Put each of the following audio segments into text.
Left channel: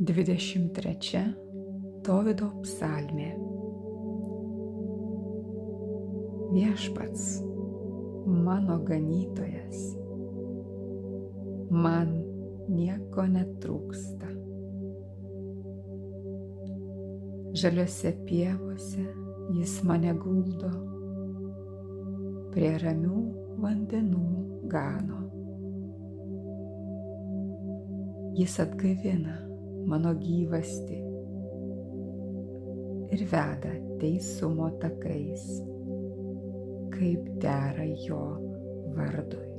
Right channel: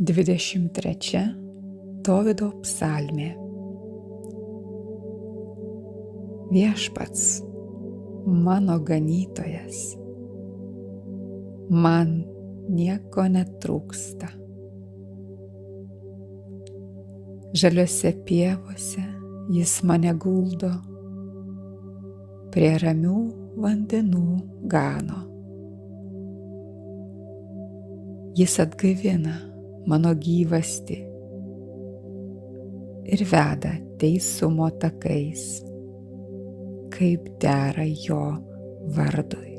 23 Dovydo psalmė. Viešpats, mano ganytojas, man nieko netrūksta. Žaliose pievose jis mane guldo, prie ramių vandenų gano. Jis atgaivina mano gyvastį ir veda teisumo takais, kaip dera jo vardui.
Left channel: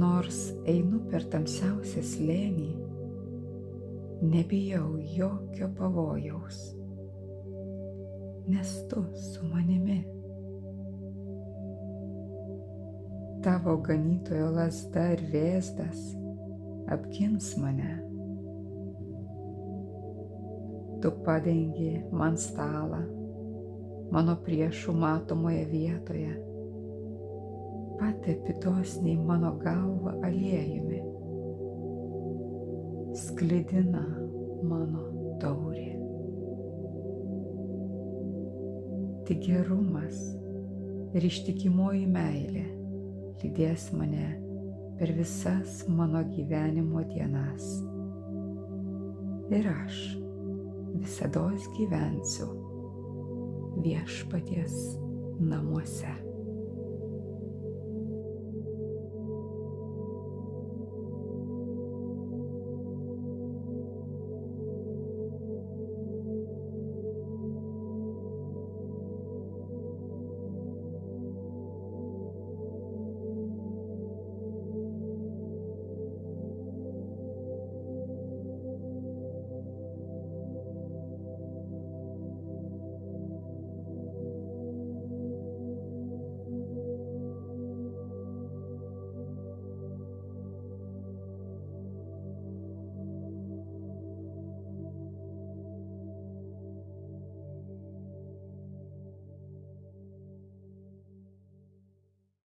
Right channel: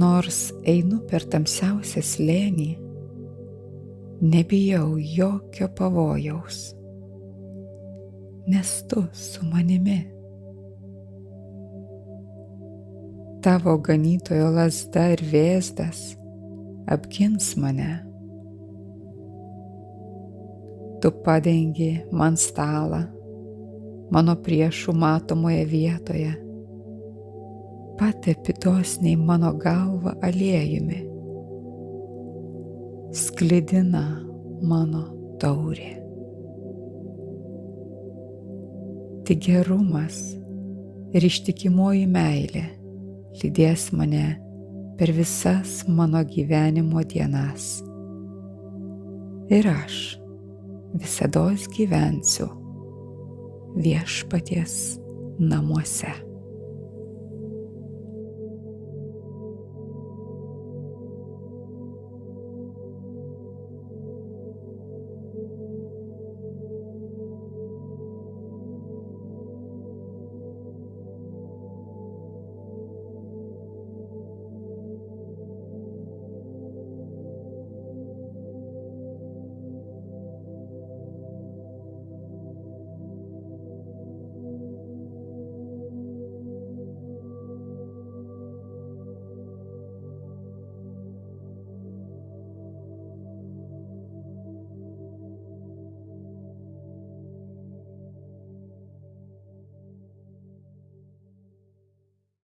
Nors einu per tamsiausią slėnį, nebijau jokio pavojaus, nes tu su manimi. Tavo ganytojo lazda ir vėzdas apgins mane. Tu padengi man stalą mano priešų matomoje vietoje, patepi dosniai mano galvą aliejumi, sklidina mano taurė. Tik gerumas ir ištikimoji meilė lydės mane per visas mano gyvenimo dienas. Ir aš visados gyvensiu Viešpaties namuose.